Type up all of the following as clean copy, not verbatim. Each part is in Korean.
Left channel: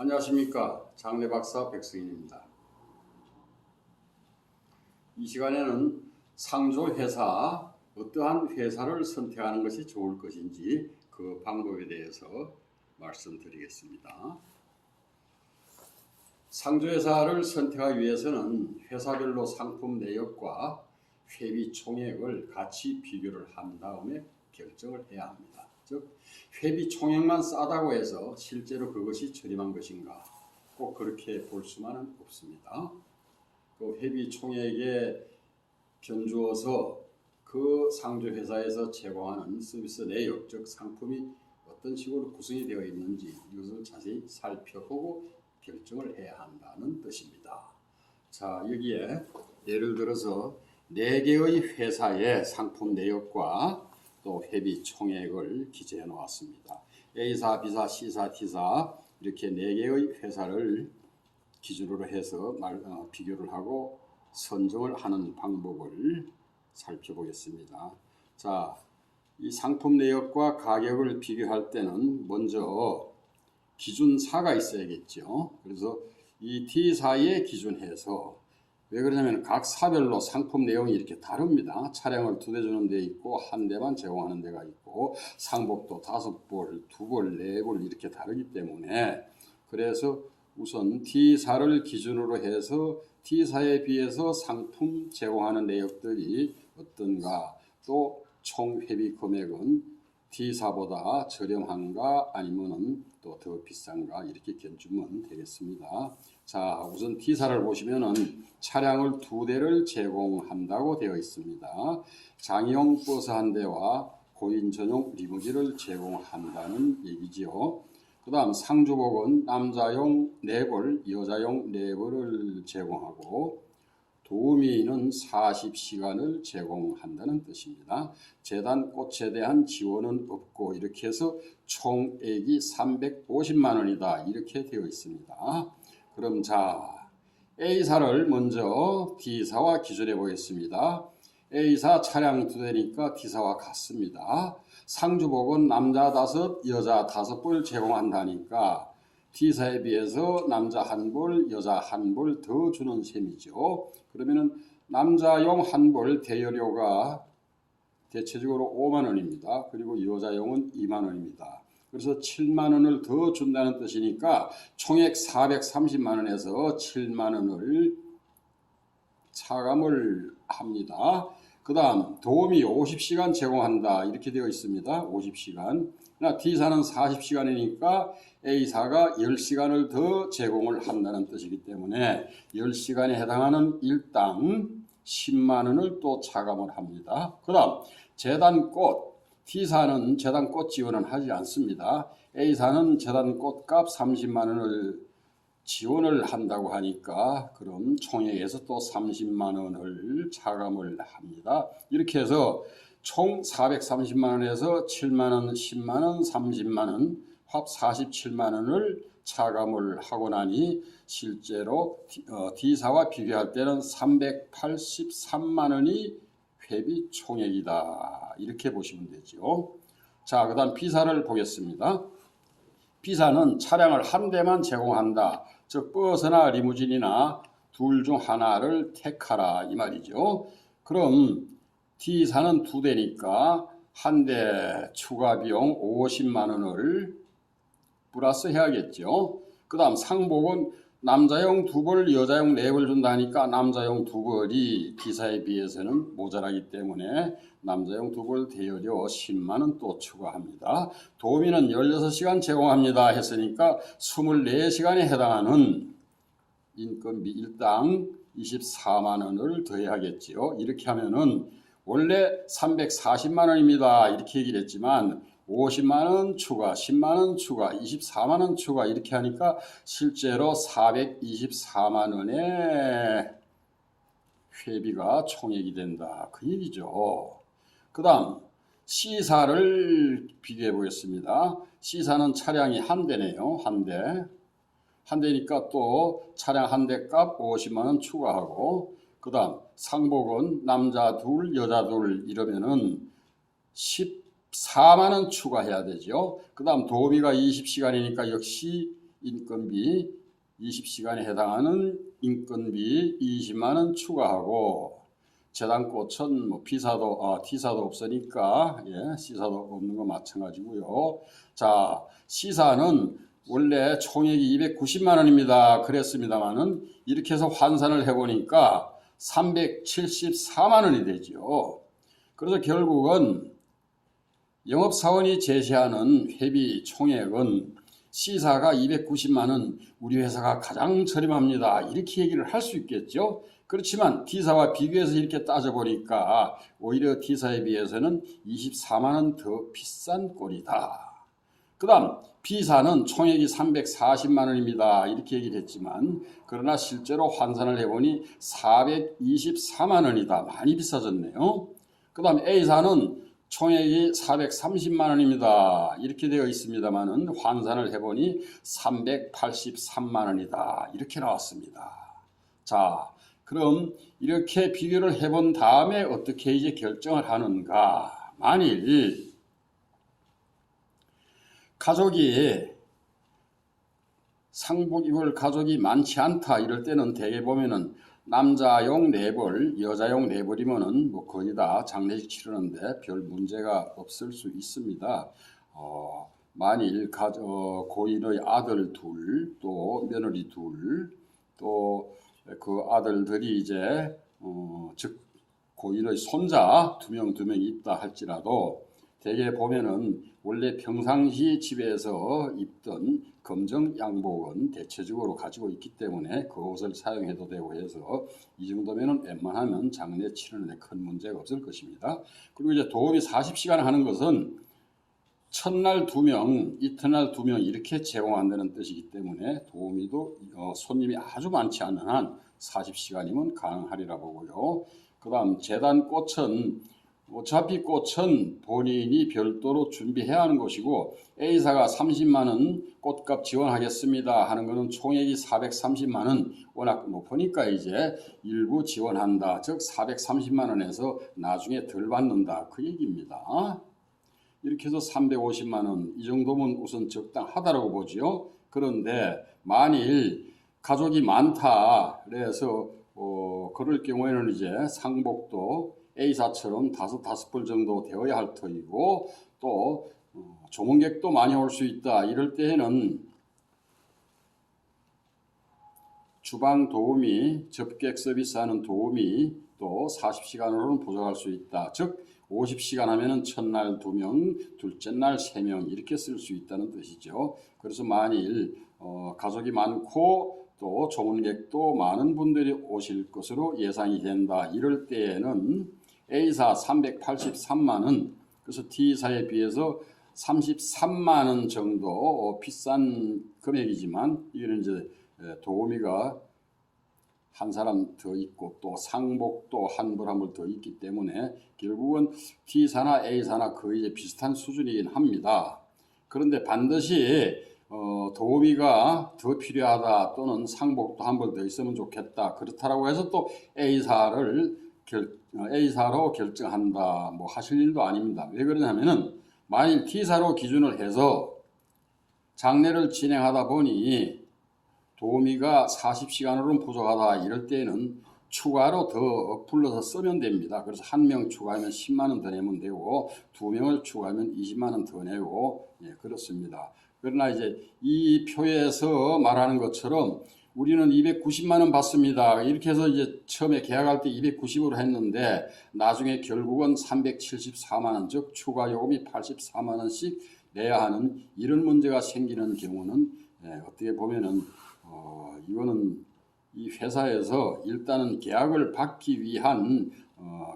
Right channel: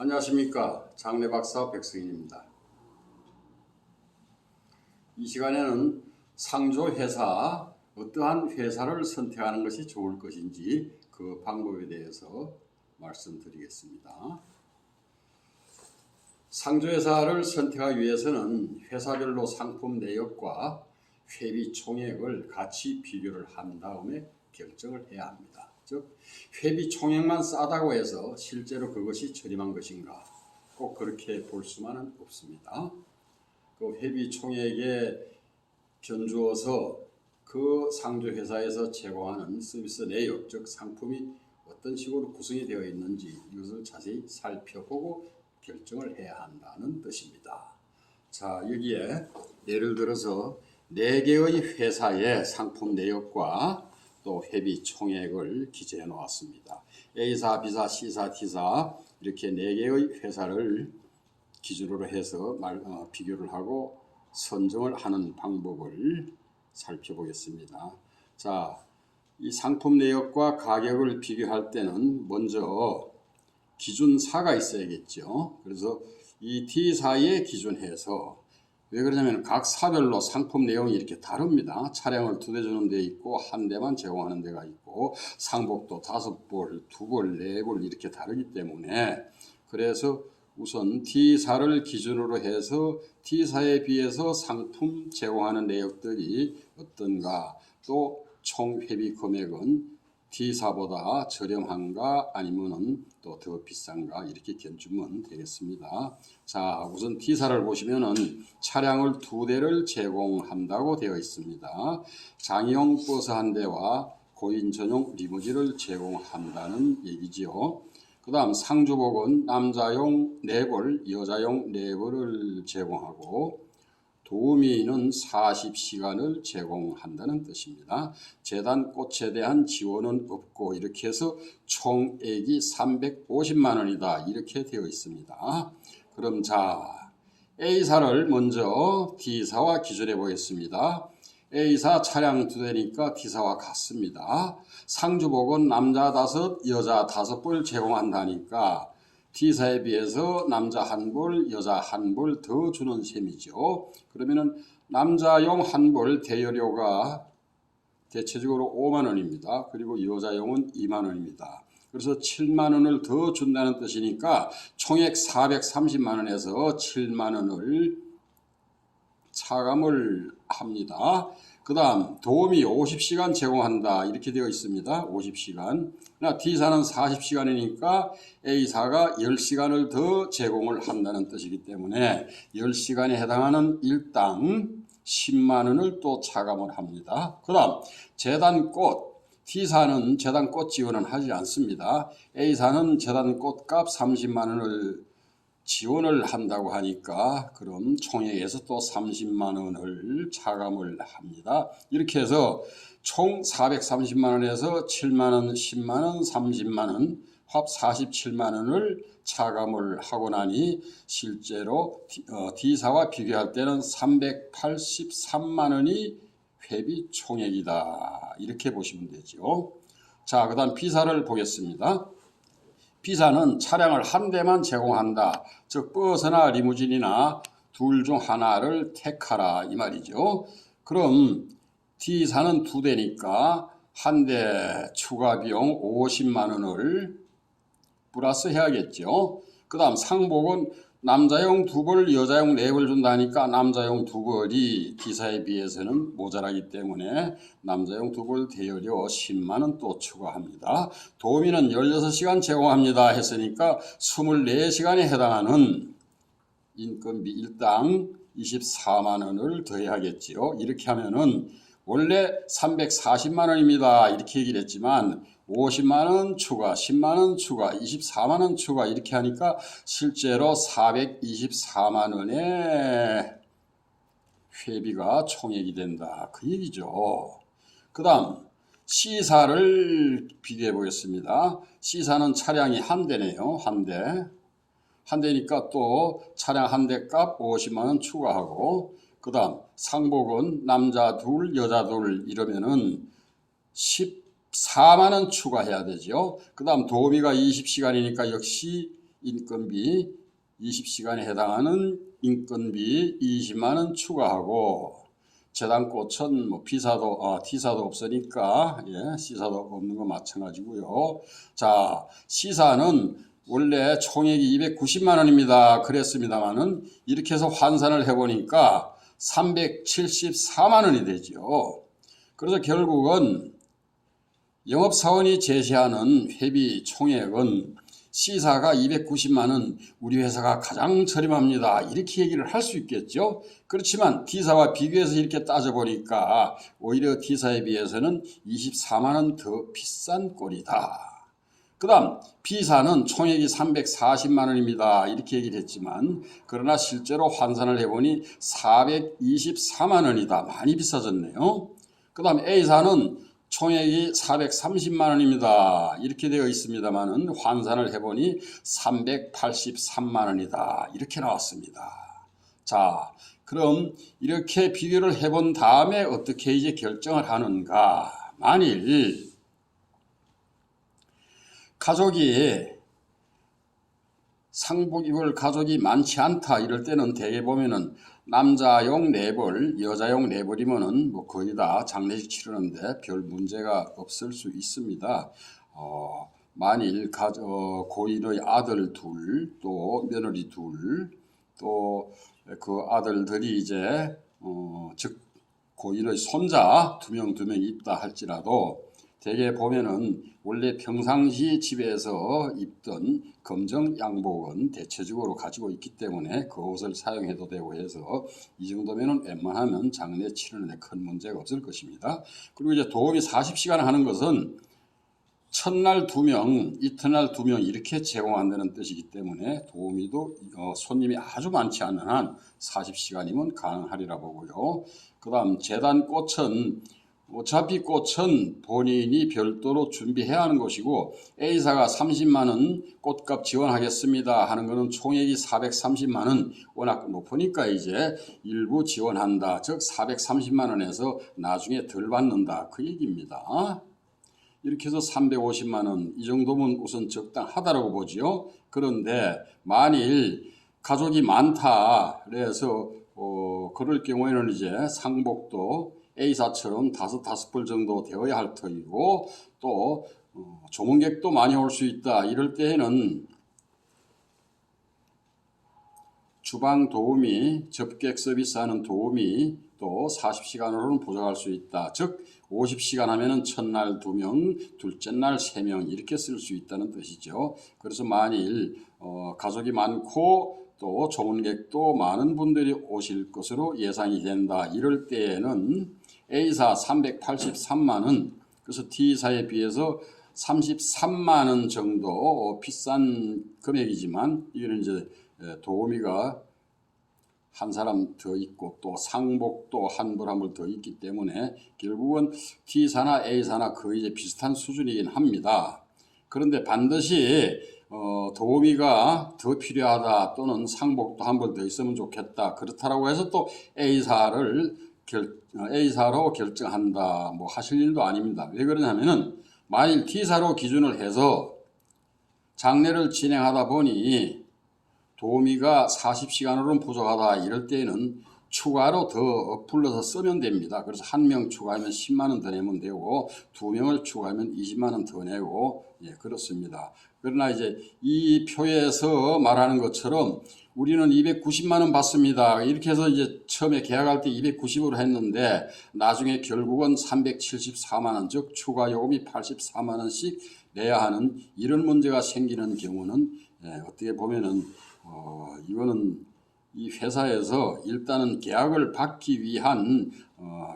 안녕하십니까. 장례박사 백승인입니다. 이 시간에는 상조회사, 어떠한 회사를 선택하는 것이 좋을 것인지 그 방법에 대해서 말씀드리겠습니다. 상조회사를 선택하기 위해서는 회사별로 상품 내역과 회비 총액을 같이 비교를 한 다음에 결정을 해야 합니다. 즉 회비 총액만 싸다고 해서 실제로 그것이 저렴한 것인가, 꼭 그렇게 볼 수만은 없습니다. 그 회비 총액에 견주어서 그 상조회사에서 제공하는 서비스 내역, 즉 상품이 어떤 식으로 구성이 되어 있는지 이것을 자세히 살펴보고 결정을 해야 한다는 뜻입니다. 자, 여기에 예를 들어서 4개의 회사의 상품 내역과 또 회비 총액을 기재해 놓았습니다. A사, B사, C사, D사 이렇게 4개의 회사를 기준으로 해서 비교를 하고 선정을 하는 방법을 살펴보겠습니다. 자, 이 상품 내역과 가격을 비교할 때는 먼저 기준사가 있어야겠죠. 그래서 이 D사에 기준해서, 왜 그러냐면 각 사별로 상품 내용이 이렇게 다릅니다. 차량을 2대 주는 데 있고 1대만 제공하는 데가 있고 상복도 5벌, 2벌, 4벌 이렇게 다르기 때문에, 그래서 우선 D사를 기준으로 해서 D사에 비해서 상품 제공하는 내역들이 어떤가, 또 총 회비 금액은 D사보다 저렴한가 아니면은 또 더 비싼가 이렇게 견주면 되겠습니다. 자, 우선 D사를 보시면은 차량을 2대를 제공한다고 되어 있습니다. 장애용 버스 1대와 고인 전용 리무진을 제공한다는 얘기지요. 그 다음 상주복은 남자용 4벌, 여자용 4벌을 제공하고 도우미는 40시간을 제공한다는 뜻입니다. 재단 꽃에 대한 지원은 없고 이렇게 해서 총액이 350만 원이다 이렇게 되어 있습니다. 그럼 자, A사를 먼저 D사와 기준해 보겠습니다. A사 차량 2대니까 D사와 같습니다. 상주복은 남자 5, 여자 5벌 제공한다니까 D사에 비해서 남자 1벌, 여자 1벌 더 주는 셈이죠. 그러면은 남자용 1벌 대여료가 대체적으로 5만 원입니다. 그리고 여자용은 2만 원입니다. 그래서 7만 원을 더 준다는 뜻이니까 총액 430만 원에서 7만 원을 차감을 합니다. 그 다음 도우미 50시간 제공한다 이렇게 되어 있습니다. 50시간. D사는 40시간이니까 A사가 10시간을 더 제공을 한다는 뜻이기 때문에 10시간에 해당하는 일당 10만 원을 또 차감을 합니다. 그 다음 재단꽃, D사는 재단꽃 지원은 하지 않습니다. A사는 재단꽃값 30만 원을 지원을 한다고 하니까 그럼 총액에서 또 30만 원을 차감을 합니다. 이렇게 해서 총 430만 원에서 7만 원, 10만 원, 30만 원, 합 47만 원을 차감을 하고 나니 실제로 D사와 비교할 때는 383만 원이 회비 총액이다 이렇게 보시면 되죠. 자, 그 다음 B사를 보겠습니다. B사는 차량을 1대만 제공한다. 즉 버스나 리무진이나 둘 중 하나를 택하라 이 말이죠. 그럼 D사는 2대니까 1대 추가 비용 50만 원을 플러스 해야겠죠. 그 다음 상복은 남자용 2벌, 여자용 4벌 준다니까 남자용 2벌이 D사에 비해서는 모자라기 때문에 남자용 2벌 대여료 10만 원 또 추가합니다. 도우미는 16시간 제공합니다 했으니까 24시간에 해당하는 인건비 일당 24만 원을 더해야겠지요. 이렇게 하면은 원래 340만 원입니다 이렇게 얘기를 했지만 50만 원 추가, 10만 원 추가, 24만 원 추가 이렇게 하니까 실제로 424만 원의 회비가 총액이 된다 그 얘기죠. 그 다음 C사를 비교해 보겠습니다. C사는 차량이 1대네요. 1대니까 또 차량 1대 값 50만 원 추가하고, 그 다음 상복은 남자 2, 여자 2 이러면은 14만 원 추가해야 되죠. 그 다음 도우미가 20시간이니까 역시 인건비 20시간에 해당하는 인건비 20만 원 추가하고 재단꽃은 뭐 T사도 없으니까 C사도 없는 거 마찬가지고요. 자, C사는 원래 총액이 290만 원입니다. 그랬습니다만은 이렇게 해서 환산을 해보니까 374만 원이 되죠. 그래서 결국은 영업사원이 제시하는 회비 총액은 C사가 290만 원, 우리 회사가 가장 저렴합니다. 이렇게 얘기를 할 수 있겠죠. 그렇지만 D사와 비교해서 이렇게 따져보니까 오히려 D사에 비해서는 24만 원 더 비싼 꼴이다. 그 다음 B사는 총액이 340만 원입니다. 이렇게 얘기를 했지만 그러나 실제로 환산을 해보니 424만 원이다. 많이 비싸졌네요. 그 다음 A사는 총액이 430만 원입니다. 이렇게 되어 있습니다만 환산을 해보니 383만 원이다. 이렇게 나왔습니다. 자, 그럼 이렇게 비교를 해본 다음에 어떻게 이제 결정을 하는가? 만일 가족이 상복 입을 가족이 많지 않다 이럴 때는 대개 보면은 남자용 4벌, 여자용 4벌이면은 뭐 거의 다 장례식 치르는데 별 문제가 없을 수 있습니다. 만일 고인의 아들 둘, 또 며느리 둘, 또 그 아들들이 이제 즉 고인의 손자 2명 있다 할지라도 대개 보면은 원래 평상시 집에서 입던 검정 양복은 대체적으로 가지고 있기 때문에 그 옷을 사용해도 되고 해서 이 정도면은 웬만하면 장례 치르는 데 큰 문제가 없을 것입니다. 그리고 이제 도우미 40시간 하는 것은 첫날 2명, 이튿날 2명 이렇게 제공한다는 뜻이기 때문에 도우미도 손님이 아주 많지 않은 한 40시간이면 가능하리라 보고요. 그 다음 재단꽃은 어차피 꽃은 본인이 별도로 준비해야 하는 것이고 A사가 30만 원 꽃값 지원하겠습니다 하는 것은 총액이 430만 원 워낙 높으니까 이제 일부 지원한다. 즉 430만 원에서 나중에 덜 받는다. 그 얘기입니다. 이렇게 해서 350만 원 이 정도면 우선 적당하다라고 보지요. 그런데 만일 가족이 많다 그래서 그럴 경우에는 이제 상복도 A사처럼 5벌 정도 되어야 할 터이고 또 조문객도 많이 올 수 있다. 이럴 때에는 주방 도우미, 접객 서비스하는 도우미 또 40시간으로는 부족할 수 있다. 즉 50시간 하면은 첫날 2명, 둘째 날 3명 이렇게 쓸 수 있다는 뜻이죠. 그래서 만일 가족이 많고 또 조문객도 많은 분들이 오실 것으로 예상이 된다. 이럴 때에는 A사 383만 원, 그래서 D사에 비해서 33만 원 정도 비싼 금액이지만 이거는 이제 도우미가 한 사람 더 있고 또 상복도 한 벌 더 있기 때문에 결국은 D사나 A사나 거의 이제 비슷한 수준이긴 합니다. 그런데 반드시 도우미가 더 필요하다 또는 상복도 한 벌 더 있으면 좋겠다 그렇다라고 해서 또 A사로 결정한다 뭐 하실 일도 아닙니다. 왜 그러냐면은 만일 D사로 기준을 해서 장례를 진행하다 보니 도우미가 40시간으로는 부족하다 이럴 때는 추가로 더 불러서 쓰면 됩니다. 그래서 1명 추가하면 10만 원 더 내면 되고 2명을 추가하면 20만 원 더 내고 그렇습니다. 그러나 이제 이 표에서 말하는 것처럼 우리는 290만 원 받습니다. 이렇게 해서 이제 처음에 계약할 때 290으로 했는데 나중에 결국은 374만 원, 즉 추가 요금이 84만 원씩 내야 하는 이런 문제가 생기는 경우는 어떻게 보면은 이거는 이 회사에서 일단은 계약을 받기 위한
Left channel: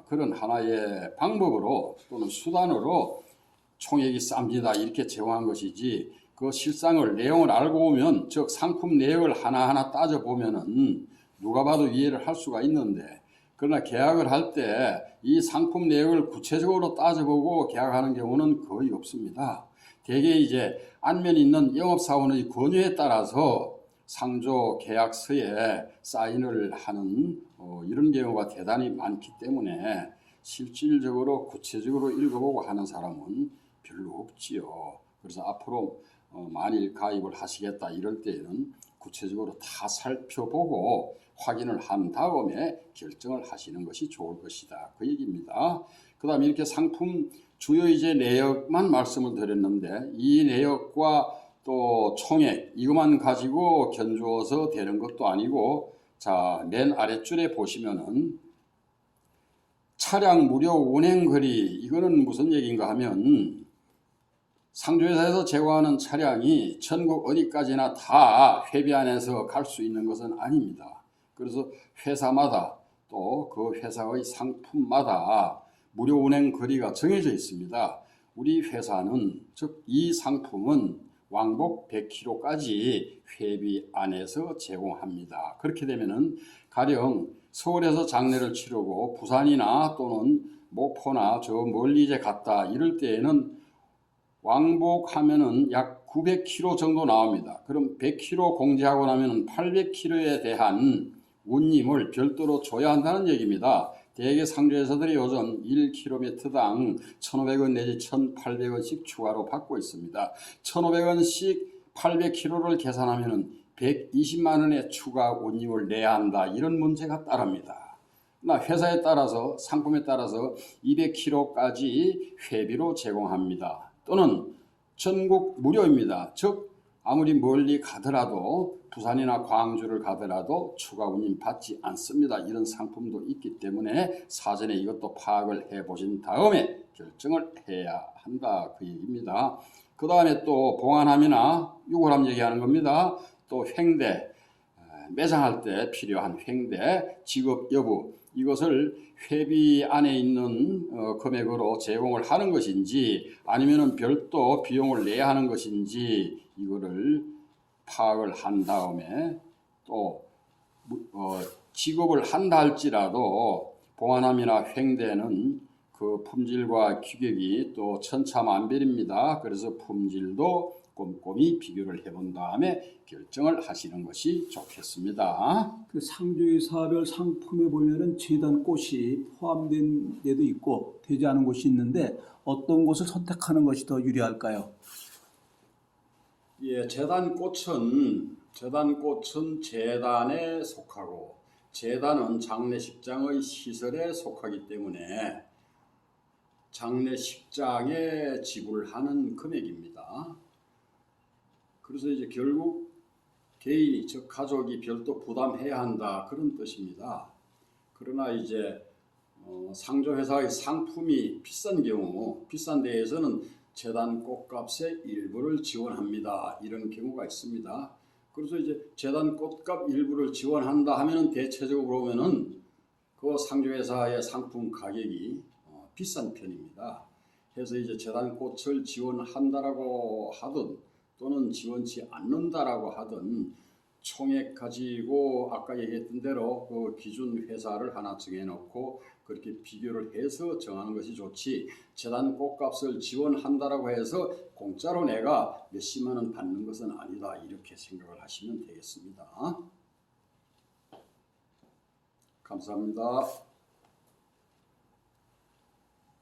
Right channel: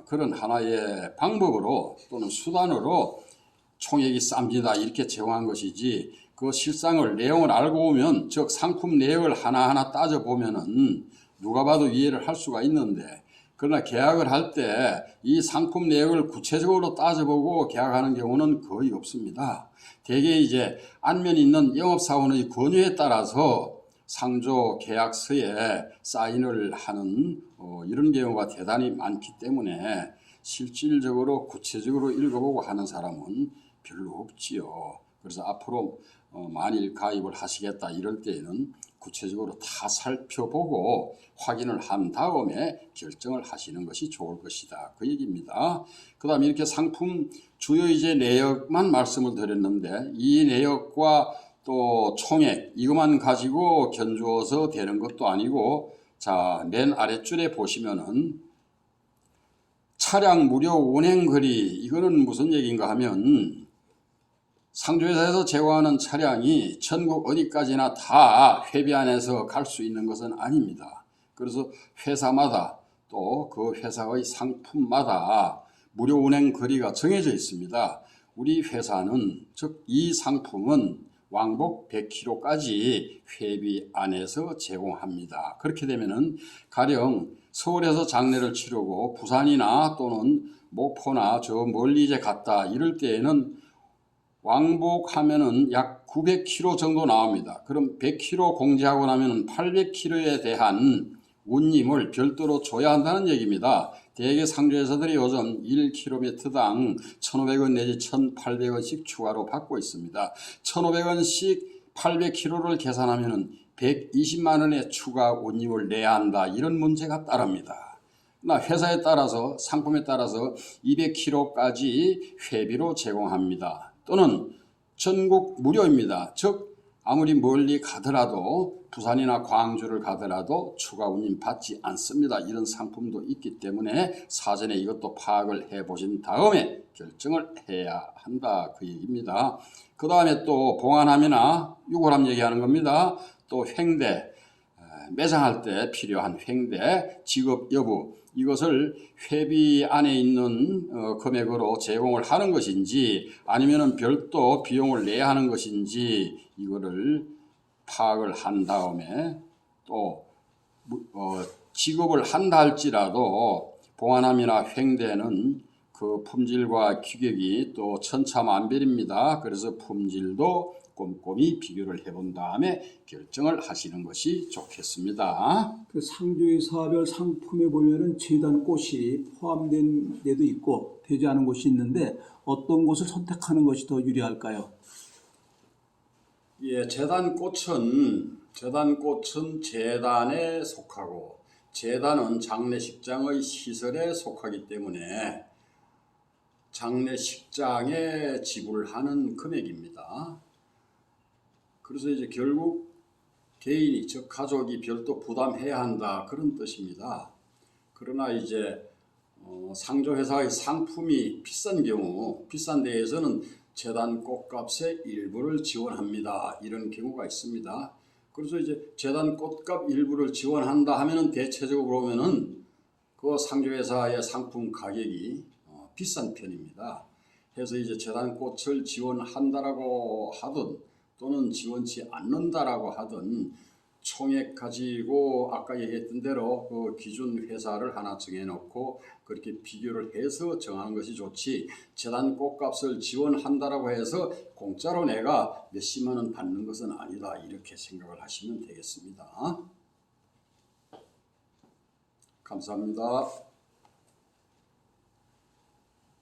그런 하나의 방법으로 또는 수단으로 총액이 쌉니다 이렇게 제공한 것이지 그 실상을 내용을 알고 보면 즉 상품 내역을 하나하나 따져보면은 누가 봐도 이해를 할 수가 있는데 그러나 계약을 할 때 이 상품 내역을 구체적으로 따져보고 계약하는 경우는 거의 없습니다. 대개 이제 안면 있는 영업사원의 권유에 따라서 상조 계약서에 사인을 하는 이런 경우가 대단히 많기 때문에 실질적으로 구체적으로 읽어보고 하는 사람은 별로 없지요. 그래서 앞으로 만일 가입을 하시겠다 이럴 때에는 구체적으로 다 살펴보고 확인을 한 다음에 결정을 하시는 것이 좋을 것이다. 그 얘기입니다. 그 다음에 이렇게 상품 주요이제 내역만 말씀을 드렸는데 이 내역과 또 총액 이것만 가지고 견주어서 되는 것도 아니고 자, 맨 아랫줄에 보시면은 차량 무료 운행거리 이거는 무슨 얘기인가 하면 상조회사에서 제공하는 차량이 전국 어디까지나 다 회비 안에서 갈 수 있는 것은 아닙니다. 그래서 회사마다 또 그 회사의 상품마다 무료 운행 거리가 정해져 있습니다. 우리 회사는 즉 이 상품은 왕복 100km까지 회비 안에서 제공합니다. 그렇게 되면은 가령 서울에서 장례를 치르고 부산이나 또는 목포나 저 멀리 이제 갔다 이럴 때에는 왕복하면은 약 900km 정도 나옵니다. 그럼 100km 공제하고 나면은 800km에 대한 운임을 별도로 줘야 한다는 얘기입니다. 대개 상조회사들이 요즘 1km당 1,500원 내지 1,800원씩 추가로 받고 있습니다. 1,500원씩 800km를 계산하면은 120만 원의 추가 운임을 내야 한다. 이런 문제가 따릅니다. 회사에 따라서 상품에 따라서 200km까지 회비로 제공합니다. 또는 전국 무료입니다. 즉 아무리 멀리 가더라도 부산이나 광주를 가더라도 추가 운임 받지 않습니다. 이런 상품도 있기 때문에 사전에 이것도 파악을 해보신 다음에 결정을 해야 한다. 그 얘기입니다. 그 다음에 또 봉안함이나 유골함 얘기하는 겁니다. 또 횡대, 매장할 때 필요한 횡대, 지급 여부 이것을 회비 안에 있는 금액으로 제공을 하는 것인지 아니면 별도 비용을 내야 하는 것인지 이거를 파악을 한 다음에 또 지급을 한다 할지라도 봉안함이나 횡대는 그 품질과 규격이 또 천차만별입니다. 그래서 품질도 꼼꼼히 비교를 해본 다음에 결정을 하시는 것이 좋겠습니다. 그 상조회사별 상품에 보면은 재단꽃이 포함된 데도 있고 되지 않은 곳이 있는데 어떤 곳을 선택하는 것이 더 유리할까요? 예, 재단꽃은 재단에 속하고 재단은 장례식장의 시설에 속하기 때문에 장례식장에 지불하는 금액입니다. 그래서 이제 결국 개인이 즉 가족이 별도 부담해야 한다 그런 뜻입니다. 그러나 이제 상조회사의 상품이 비싼 경우 비싼 데에서는 재단 꽃값의 일부를 지원합니다. 이런 경우가 있습니다. 그래서 이제 재단 꽃값 일부를 지원한다 하면은 대체적으로 보면은 그 상조회사의 상품 가격이 비싼 편입니다. 그래서 이제 재단 꽃을 지원한다라고 하든 또는 지원치 않는다라고 하든 총액 가지고 아까 얘기했던 대로 그 기준 회사를 하나 정해놓고 그렇게 비교를 해서 정하는 것이 좋지 재단 꽃값을 지원한다라고 해서 공짜로 내가 몇십만 원 받는 것은 아니다 이렇게 생각을 하시면 되겠습니다. 감사합니다.